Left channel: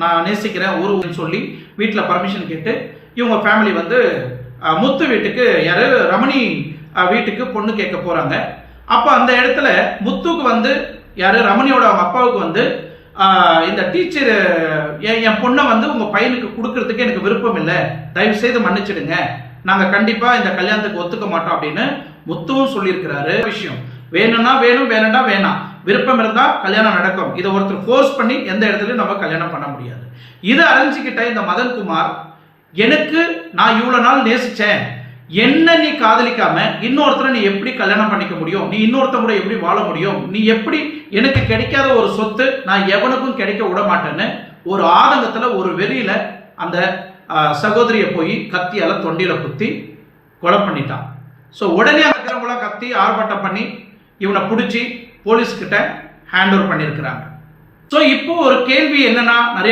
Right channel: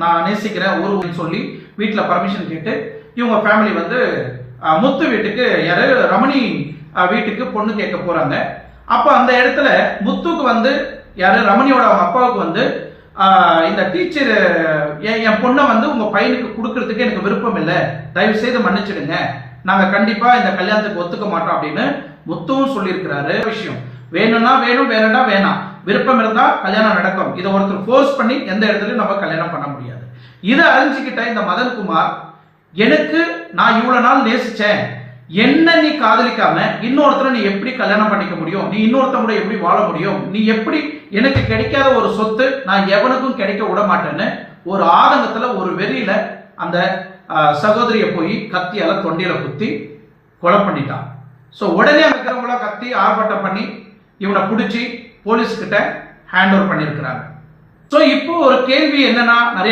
நான் நேசிக்கிறேன் ஊருன்னு சொல்லி வீட்டில் பர்மிஷன் கேட்டு இவங்க ஃபேமிலி வந்து முத்து வீட்டுக்கு யாரு ரமணி வீட்டுக்கு பொண்ணு கேட்க போறாங்க. அப்போ அந்த இடத்துல முத்துக்கு வந்து யாரு ரமணியோட அவங்க அப்பாவுக்கு வந்து இந்த டீச்சர் என் பொண்ணை வந்து உங்க பையனுக்கு கொடுக்கறதுக்கு எனக்கு விருப்பம் இல்லை, தயவு செய்து மன்னிச்சிடுங்க, நாங்க கண்டிப்பா இந்த கல்யாணத்துக்கு ஒத்துக்க மாட்டோம் அப்படின்னு முத்துவும் சொல்லியிருக்கிறாரு. விஷயம் வேணும்னா வேணும், வேணும்னா வேணாம், விருப்பம் இருந்தா கல்யாணம் நடக்கும். இதை ஒருத்தர் ஃபோர்ஸ் பண்ணி எந்த இடத்துலயும் நம்ம கல்யாணம் பண்ண முடியாது. இதை அறிஞ்சுக்கிட்ட இந்த மதன்குமார், எனக்கு நான் இவ்வளவு நாள் நேசிச்சேன், என்ன நீ காதலிக்காம இன்னொருத்தரை நீ எப்படி கல்யாணம் பண்ணிக்க முடியும், நீ இன்னொருத்த கூட எப்படி வாழ முடியும், நீ எப்படி எனக்கு கிடைக்காத ஒரு சொத்து நான் எவனுக்கும் கிடைக்க விட மாட்டேன்னு ஒரு ஆதங்கத்துல ஒரு வெறியில அந்த சகோதரியை போய் கத்தியால தொண்டியில குத்தி கொலை பண்ணிட்டான். ஸோ உடனே அங்க இருக்கிறவங்கள கத்தி ஆர்ப்பாட்டம் பண்ணி இவனை பிடிச்சி போலீஸ்கிட்ட ஹேண்ட் ஓவர் பண்ணியிருக்கிறாங்க. ஸோ இப்போ ஒரு கேள்வி என்னன்னா, நிறைய